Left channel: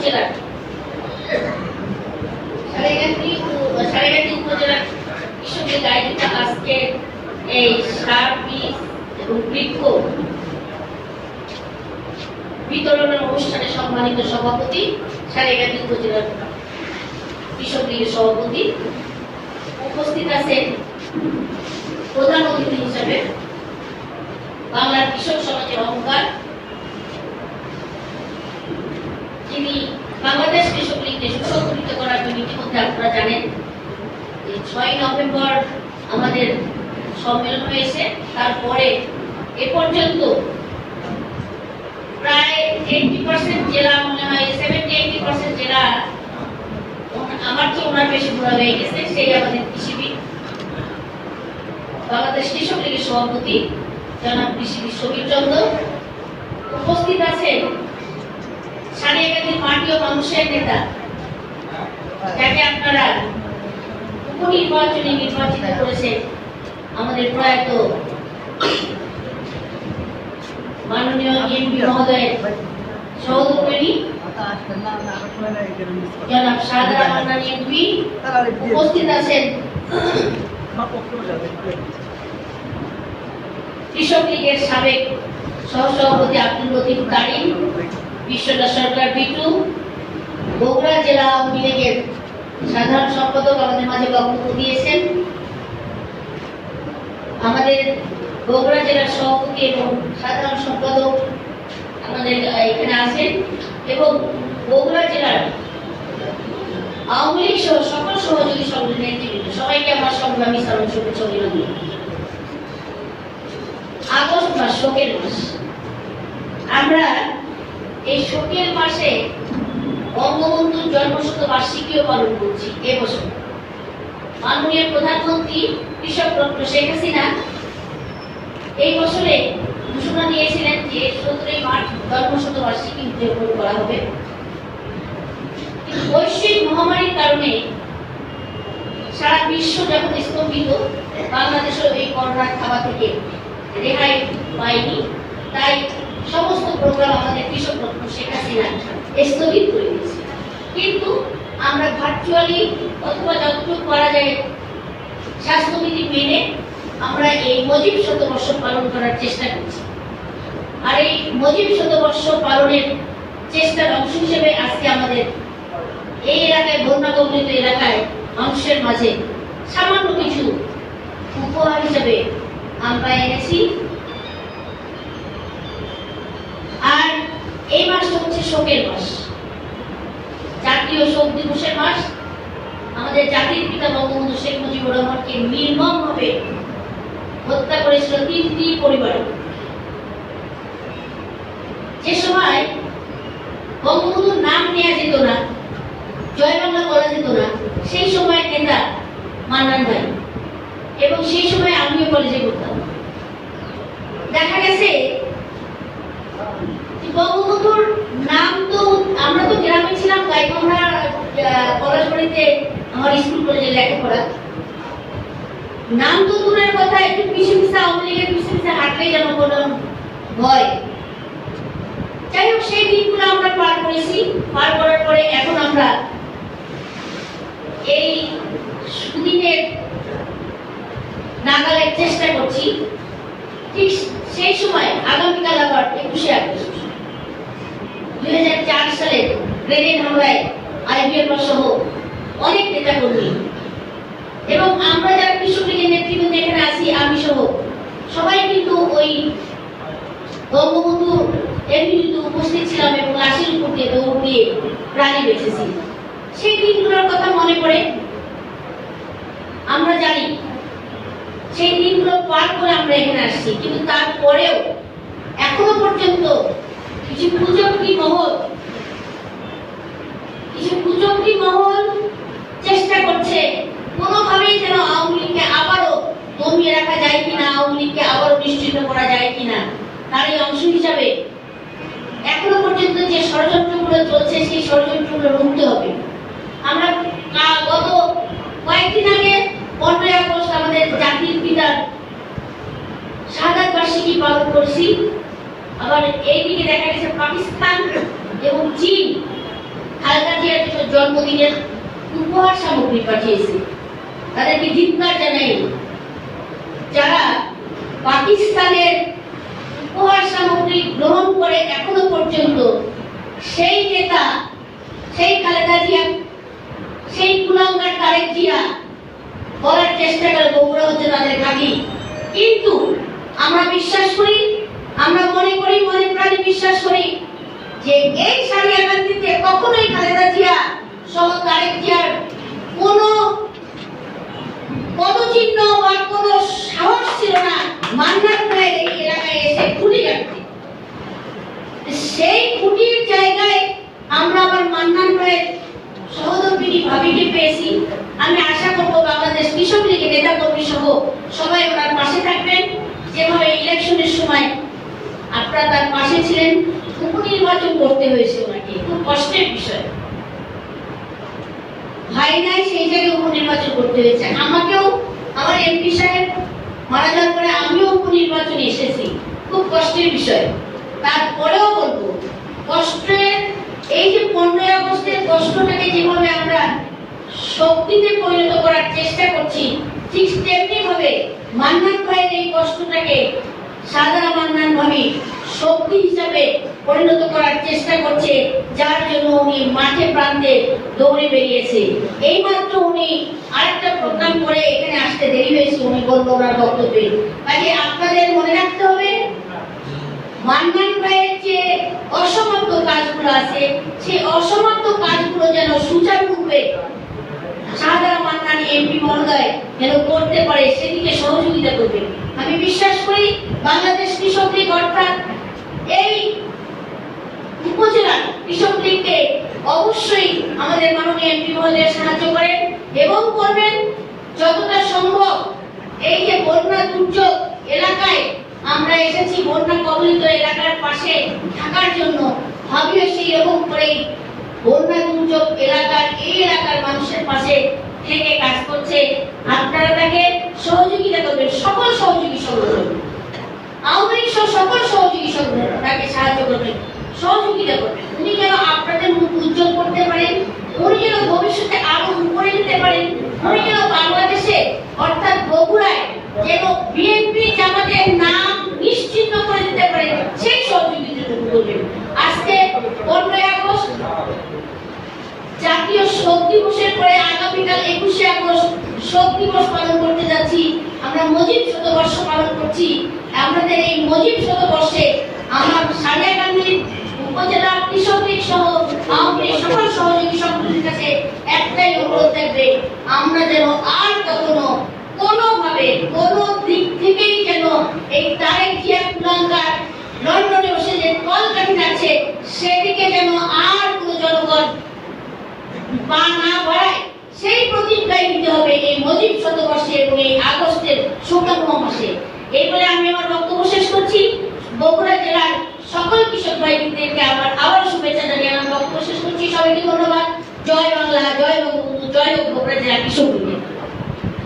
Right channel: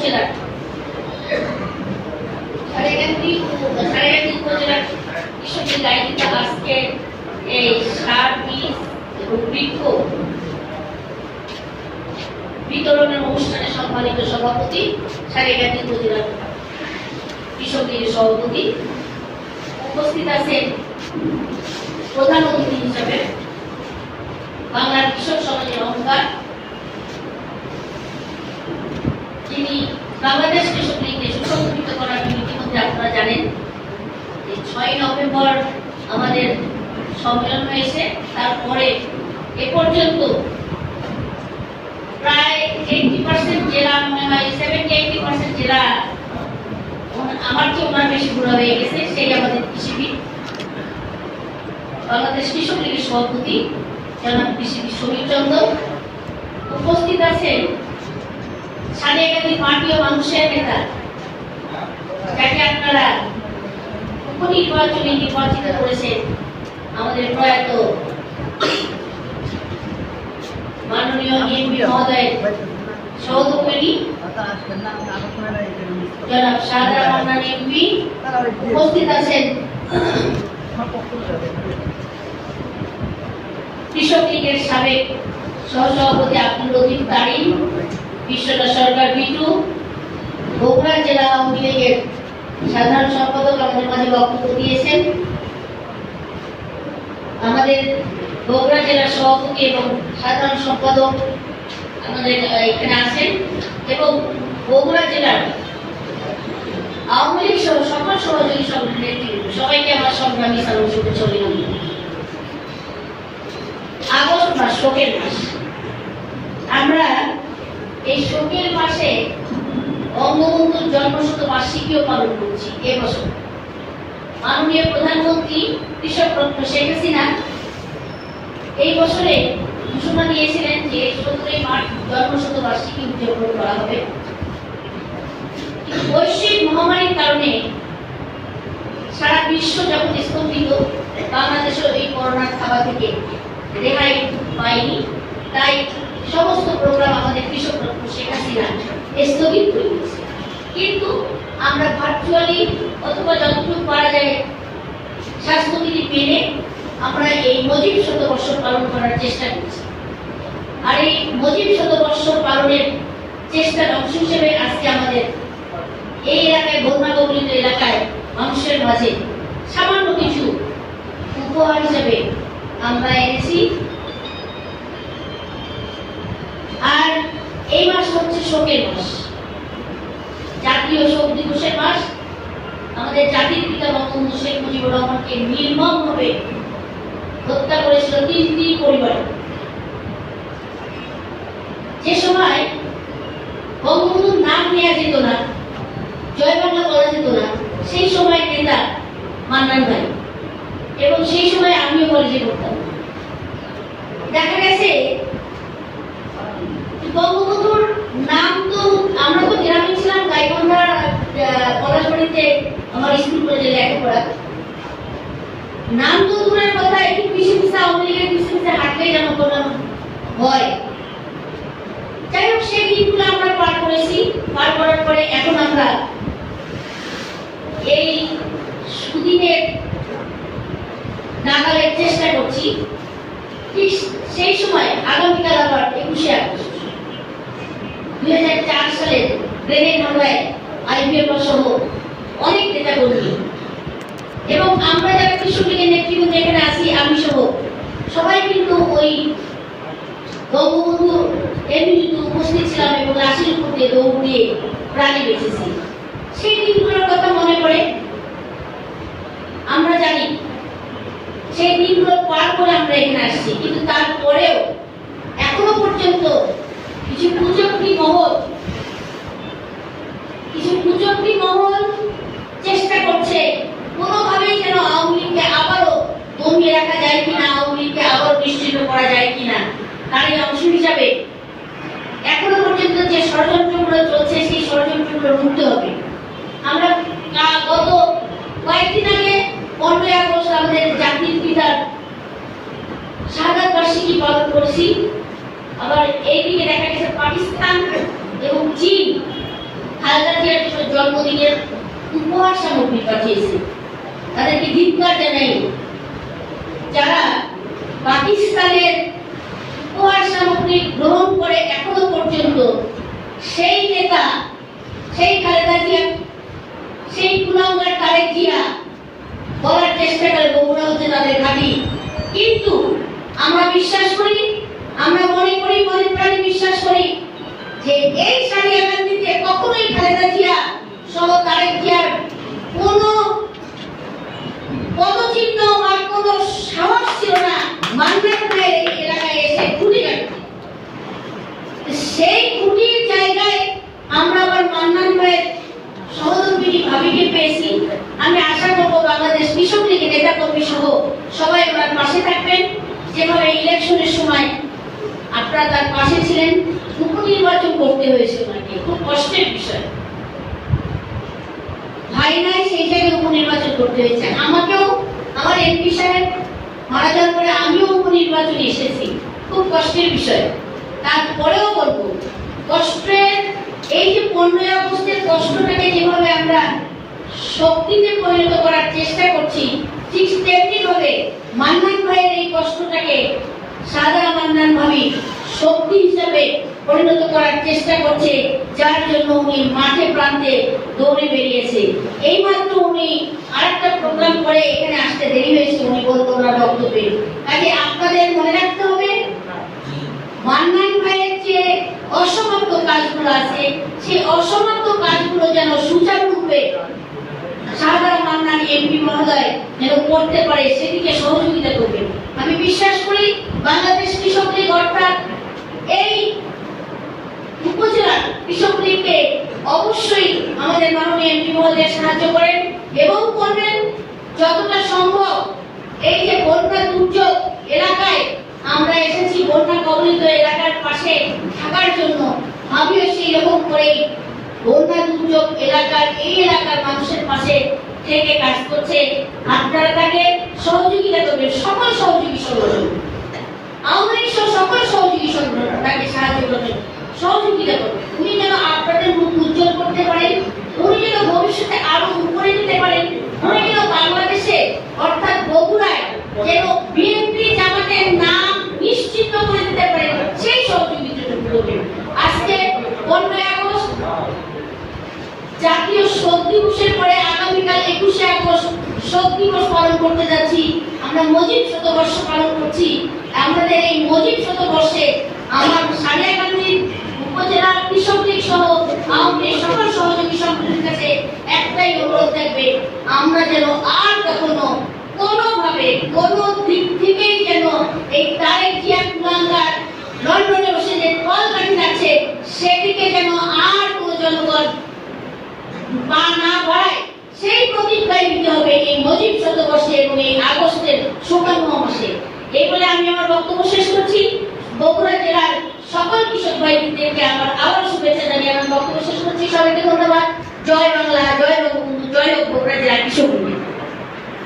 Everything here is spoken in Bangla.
উপজেলার সারেগাতি উপজেলার কৃষকদের আয়োজিত আজকে এই সার বীজ এবং বৃক্ষ বিতরণের অনুষ্ঠানে সম্মানিত সভাপতি, সারেগাতি উপজেলার কৃষক লীগের সভাপতি, উপস্থিত আছেন প্রধান অতিথি হিসাবে বাংলার কৃষক সমাজের অহংকার, যিনি বাংলাদেশ কৃষক লীগকে সুসংগঠিত করার ইতিমধ্যে আপনারা জানেন যে 6 নভেম্বর আমাদের সম্মেলন হয়েছে। তারপরে এ পর্যন্ত প্রায় 80% জেলা, মনে হয় 70-80% জেলা আমার চেয়ে ওনার বেশি ঘোরা হয়ে গেছে। সেই আমাদের কৃষিবিদ, বাংলাদেশ কৃষক লীগের সভাপতি জনাব কৃষিবিদ সমীর চন্দ্র। উপস্থিত আছেন সারেগাতি পার্টি ও মানুষের নেতা, যাকে আপনারা উপনির্বাচনে নির্বাচিত করেছেন আমাদের প্রয়াত মাননীয় এমপি মহোদয়ের সহধর্মিণী জনাব সাদরা মান্নান এমপি। উপস্থিত আছেন কৃষক লীগের সাবেক সহসভাপতি আব্দুল লতিফ তারিম, বিশ্বনাথ সরকার বিটু, বগুড়া জেলা আওয়ামী লীগের সাধারণ সম্পাদক আমাদের মাঝে বক্তব্য দিয়েছেন। আমাদের বগুড়া জেলার সভাপতি এবং সাধারণ সম্পাদক আমাদের এখানে আছেন, এবং বগুড়া জেলার আওয়ামী লীগ সহ সকল সহযোগী সংগঠনের নেতৃবৃন্দ, সবাইকে আমার সংগ্রামী সালাম শুভেচ্ছা অভিনন্দন। আগস্ট মাস, শোকের মাস। আমরা এই শোকের মাসে বঙ্গবন্ধুর জন্মশতবার্ষিকীও পালন করছি। এবছর মাননীয় প্রধানমন্ত্রী কৃষক রত্ন শেখ হাসিনা এই বছরে ঘোষণা দিয়েছিলেন যে 17 মার্চ জন্মশতবার্ষিকী উদযাপন করা হবে। বৈশ্বিক মহামারীর কারণে সারা বিশ্ব যখন স্তম্ভিত, বাংলাদেশও এই করোনার থাবা থেকে রেহাই পায়নি। তাই সমস্ত প্রোগ্রাম আমাদের কৃষক রত্ন শেখ হাসিনা স্থগিত করে দিয়েছে। কিন্তু আমরা ভার্চুয়ালি অথবা যতটুকু পারা যায় স্বাস্থ্যবিধি মেনে আমরা এই মজিব শতবর্ষ পালন করার চেষ্টা করছি। আর এই মজিব শতবর্ষ পালনের চেষ্টার অংশ হিসেবে আজকে আমাদের এই এলাকায়, বন্যা কবলিত এলাকায় মানুষের মাঝে সামান্য কিছু উপহার হিসেবে আমরা এনেছি। আর এই মাস হচ্ছে শোকের মাস, জাতীয় শোক দিবসের মাস। আমাদের জাতির পিতা বঙ্গবন্ধু শেখ মুজিবুর রহমানকে নির্মমভাবে হত্যা করেছিল 3টি পরিবার। যে সময় বঙ্গবন্ধুর নাম নেওয়া যেত না, জয় বাংলা বলা যেত না, সেই সময় নেতা মান্নান ভাই, এবং সেই সময় আমিও কলেজে পড়তাম। দেখা গেছে বঙ্গবন্ধুর নাম তো, আমরা তো গ্রামে ছিলাম, গাইবান্ধা পলাশবাড়িতে আমার স্কুল কলেজে লেখাপড়া, নাম তো দূরের কথা, একটু পিছিয়ে পিছিয়ে আওয়ামী লীগের পিছিয়ে পিছিয়ে হাঁটলেই যেন কোনো ভয়। যাই হোক, সেই দিনগুলো আমরা পার করেছি। পার করার পরে এখন আমরা এই সুদিনের নাগালের চেষ্টা করছি। ঠিক সেই সময় আগামীকাল আবার 21শে আগস্ট 2004 সালে গ্রেনেড হামলায় আইপিএফ সহ অনেক নেতা কর্মী এবং আমরা যারা কৃষক লীগের নেতৃবৃন্দ এখানে আছি, আমি সহ সবাই কিন্তু ওই বঙ্গবন্ধু এমনিতে উপস্থিত ছিলাম এবং লাশের উপর দিয়ে দৌড় দিয়ে প্রাণী বেঁচেছি। সেই দিনগুলোর কথা মনে পড়ে। আমরা জানি সেই দিনগুলো পার করে আমরা এখানে আসছি, কিন্তু তারপরেও এখনো পর্যন্ত কিছু কুচক্রী মহল চেষ্টা করছে কোনোভাবেই যেন আওয়ামী লীগকে আবারও দমিয়ে রাখা যায় কিনা, আওয়ামী লীগকে আবারও নিশ্চিত করা যায় কিনা। তার এই অংশ হিসাবে এখনো পর্যন্ত যে ষড়যন্ত্রগুলো চলছে, সেই ষড়যন্ত্রগুলো রুখতে হবে। আমরা গত কয়েকদিন আগে 15 আগস্ট আমাদের জাতির পিতার শাহাদাত বার্ষিকী পালন করছি। আবার এইদিকে দেখা গেছে পাকিস্তান এবং চীন খালেদা জিয়ার জন্মদিনের উপহার সামগ্রী পাঠিয়েছে, তাদেরকে ধিক্কার জানাই। যারা পাকিস্তানের উপহার সামগ্রী গ্রহণ করে এখনো পর্যন্ত সেই নেতা, সেই খালেদা জিয়া, সেই কুলাঙ্গার তারেক জিয়া বলার চেষ্টা করে বগুড়া হচ্ছে তাদের ঘাঁটি। কিন্তু আমরা বিশ্বাস করি, আমরা মনে করি, মনে প্রাণে বিশ্বাস করি যে এই সারিয়াকান্দিতে কখনোই খালেদা জিয়া সহ তারেক জিয়ার কোনো পদচিহ্ন বা কোনো সাহস ছিল না মান্নান ভাইয়ের এই এলাকায় এসে খুঁটি কাটতে। সেই খুঁটির জায়গায় আমরা আবার মান্নান ভাইয়ের সহধর্মিনী ভাবিকে পেয়েছি। আমি আশা করব বাংলাদেশ কৃষক লীগের নেতা কর্মী সহ সবাই ওনার পাশে থাকবেন। যেভাবে ইলেকশনের সময় আপনারা তার পাশে ছিলেন, উপনির্বাচন করতে হয়েছে ওনাকে, খুব কষ্টের বিষয়। ভাই নাই সেই জায়গায় উপনির্বাচন করতে হয়েছে। আমাকেও আমার এমপি সাহেব মারা যাওয়ার পরে আমিও উপনির্বাচনে এসেছি, খুব কষ্টের বিষয়। তারপরেও বলবো কষ্টের এই যে 15 আগস্টের কষ্টটাকে যেভাবে আমরা শক্তিতে পরিণত করার চেষ্টা করছি, ঠিক তেমনি ভাবে মান্নান ভাইয়ের এই কষ্টটাকে সাদা মান্নান ভাবি শক্তি হিসাবে পরিণত করার চেষ্টা করছে, যার জন্য উনি মাঠে প্রান্তে দৌড়ে বেরিয়েছে। এইমাত্র উনি আরেকটা প্রোগ্রাম করে এখানে আসতে দেরি হয়েছে, উনি বললো ওনার বক্তব্যে। কাজে আপনাদের মনে রাখতে হবে মান্নান ভাইয়ের যে অসমাপ্ত কাজগুলো আছে, সেই অসমাপ্ত কাজগুলো যেন সুচারুরূপে শাহজাহান মান্নান এমপি মহোদয় যেন করতে পারে, সেদিকে সহযোগিতা করবেন। আমি বিশ্বাস করি বাংলাদেশ কৃষক লীগ অর্থাৎ এই উপজেলার কৃষক লীগকে অবশ্যই আমাদের মাননীয় এমপি মহোদয় সাহায্য করেন এবং করবেন যতটা সম্ভব। এই যে বন্যা দুর্যোগ এলাকায় আমরা এসেছি, বন্যা কবলিত এলাকার পাশে থাকার জন্য, ভাবিও সেই রকম করেই বন্যা দুর্যোগ এলাকার এই এলাকার মানুষের পাশে থেকে কাজ করছে। আপনারা তাকে সহযোগিতা করবেন, সকল সহযোগী সংগঠন, আওয়ামী লীগ সকল সহযোগী সংগঠন তাকে সাহায্য করবেন, সহযোগিতা করবেন। উনি যেন আপনাদের মুখ উজ্জ্বল করতে পারেন, উনি যেন ভবিষ্যতে আরো উপরে যেতে পারেন, উনি যেন বাংলাদেশে অর্থাৎ বগুড়ায় যেন বিএনপি জামাতের নাম নিশ্চিহ্ন করে দিতে পারেন, সেই সহযোগিতা করবেন। আজকে 15 আগস্ট জাতীয় শোক দিবসের পরে আগামীকাল 21শে আগস্ট শোক দিবস পালন করতে যাচ্ছি। আমরা মুজিব শতবর্ষ পালন করছি। আমাদের এই মুজিব শতবর্ষে আমরা সারিয়াকান্দি উপজেলার কৃষক লীগ সহ আওয়ামী লীগ সকল সহযোগী সংগঠনের কাছে একটাই অনুরোধ থাকবে, আমরা যেন আর কখনো কোনোভাবে কোনো দিক থেকেই যেন এই তারেক জিয়া কুলাঙ্গার লন্ডনে বসে যে কলকাঠি আছে সেদিকে যেন আর কোনো জনগণ পা না বাড়ায়, সেই প্রতিজ্ঞায় নিতে হবে এই মুজিব শতবর্ষে এবং এই আগস্টের শোকাবহ মাসে। এই বলে আমি আমার বক্তব্য শেষ করছি। বগুড়া জেলার সকল কৃষক ভাইদেরকে আমার আবার শুভেচ্ছা জানিয়ে আমার বক্তব্য শেষ করছি। সবাইকে ধন্যবাদ। জয় বাংলা, জয় বঙ্গবন্ধু, জয় বগুড়া জেলার কৃষক।